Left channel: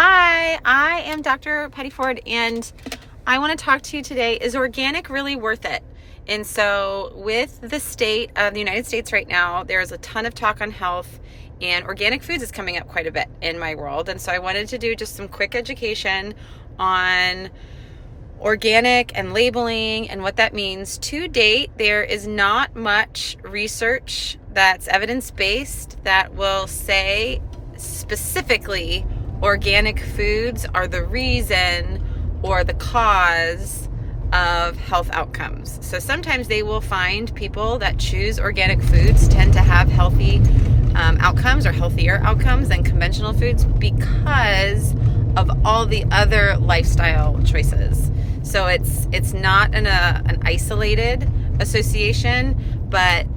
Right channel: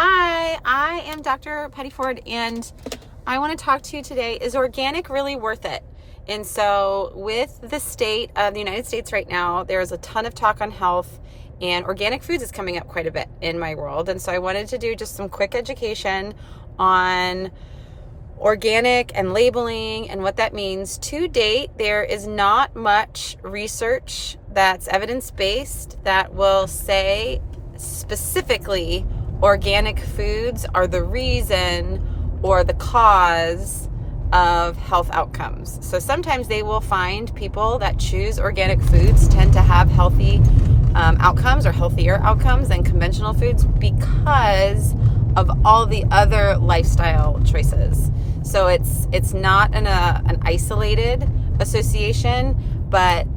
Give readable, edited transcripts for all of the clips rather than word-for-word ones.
Hi, I am Dr. Pettyford, and I want to talk to you today. Is organic really worth it? And so with the state of the United States right now, there's a ton of talk on health, and organic foods is coming up quite a bit in my world. And so I wanted to do just some quick education on organic and labeling and what that means. To date, there is not much research that's evidence-based that will say specifically organic foods are the reason or the cause of health outcomes. So sometimes they will find people that choose organic foods tend to have healthy outcomes or healthier outcomes than conventional foods because of all the other lifestyle choices. So it's not an isolated association, but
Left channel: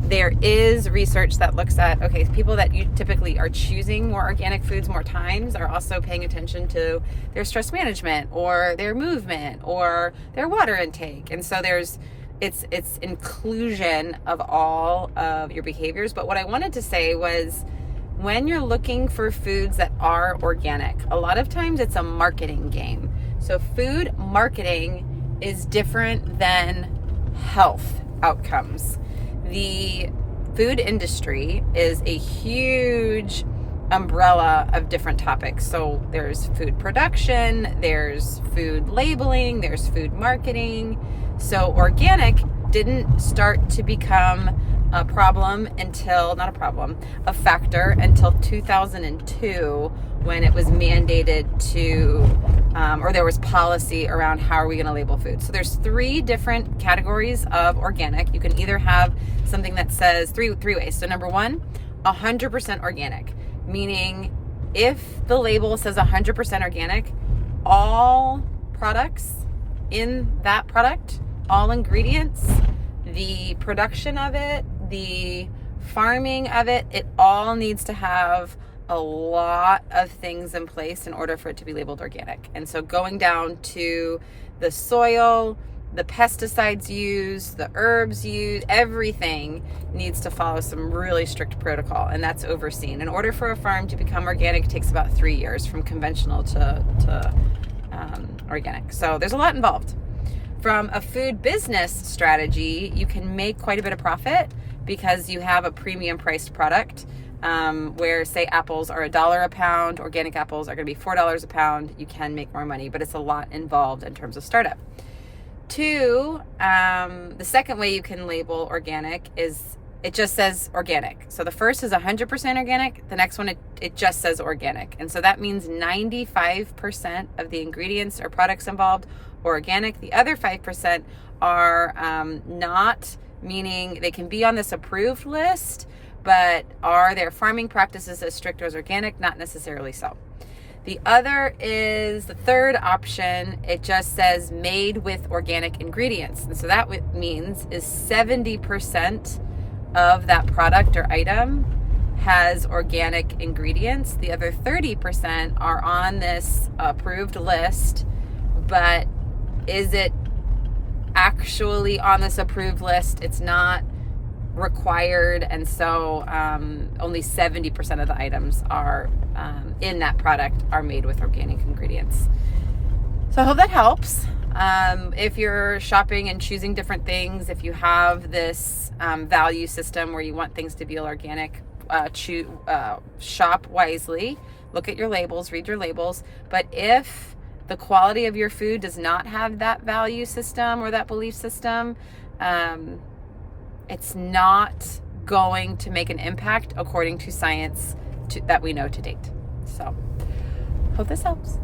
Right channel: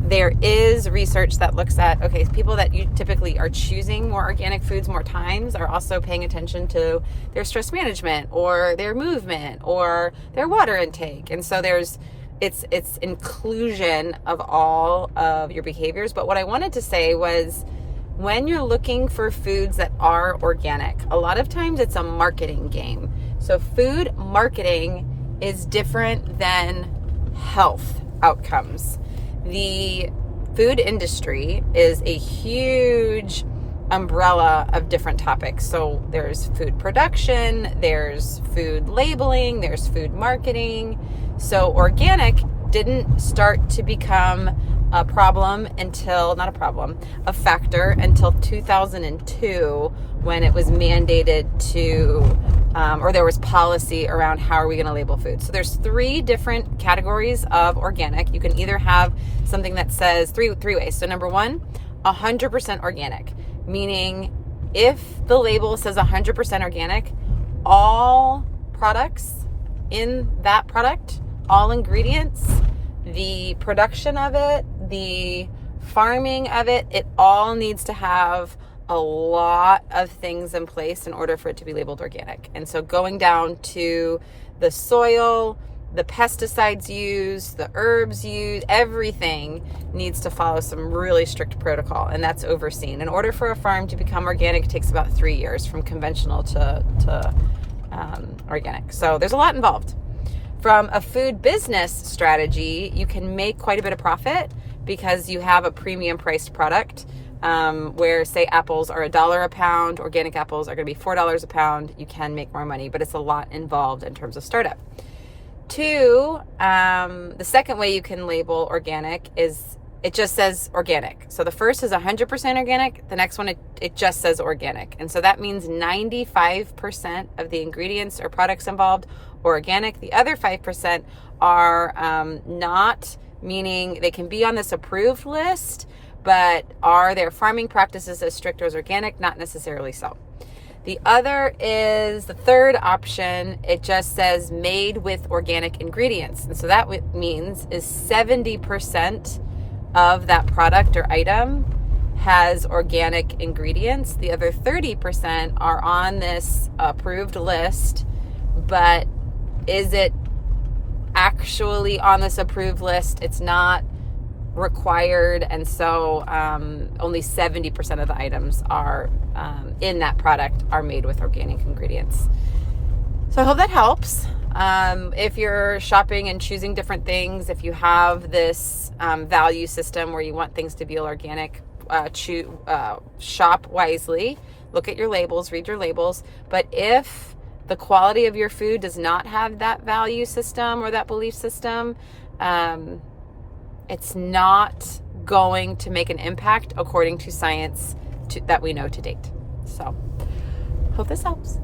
there is research that looks at, okay, people that you typically are choosing more organic foods more times are also paying attention to their stress management or their movement or their water intake. And so it's inclusion of all of your behaviors. But what I wanted to say was, when you're looking for foods that are organic, a lot of times it's a marketing game. So food marketing is different than health outcomes. The food industry is a huge umbrella of different topics. So there's food production, there's food labeling, there's food marketing. So organic didn't start to become a factor until 2002, when it was mandated to, or there was policy around how are we going to label food. So there's three different categories of organic. You can either have something that says three ways. So number one, 100% organic, meaning if the label says 100% organic, all products in that product, all ingredients, the production of it, the farming of it, it all needs to have a lot of things in place in order for it to be labeled organic. And so going down to the soil, the pesticides used, the herbs used, everything needs to follow some really strict protocol, and that's overseen. In order for a farm to become organic, it takes about 3 years from conventional to organic. So there's a lot involved. From a food business strategy, you can make quite a bit of profit because you have a premium priced product, where say apples are $1 a pound, organic apples are going to be $4 a pound. You can make more money, but it's a lot involved in terms of startup. Two, the second way you can label organic is it just says organic. So the first is 100% organic. The next one, it just says organic. And so that means 95% of the ingredients or products involved are organic. The other 5% are not, meaning they can be on this approved list, but are their farming practices as strict as organic? Not necessarily so. The other is the third option. It just says made with organic ingredients. And so that means is 70% of that product or item has organic ingredients. The other 30% are on this approved list, but is it actually on this approved list? It's not required, and so only 70% of the items are in that product are made with organic ingredients. So I hope that helps. If you're shopping and choosing different things, if you have this value system where you want things to be organic, shop wisely, look at your labels, read your labels. But if the quality of your food does not have that value system or that belief system, it's not going to make an impact according to science that we know to date. So, hope this helps.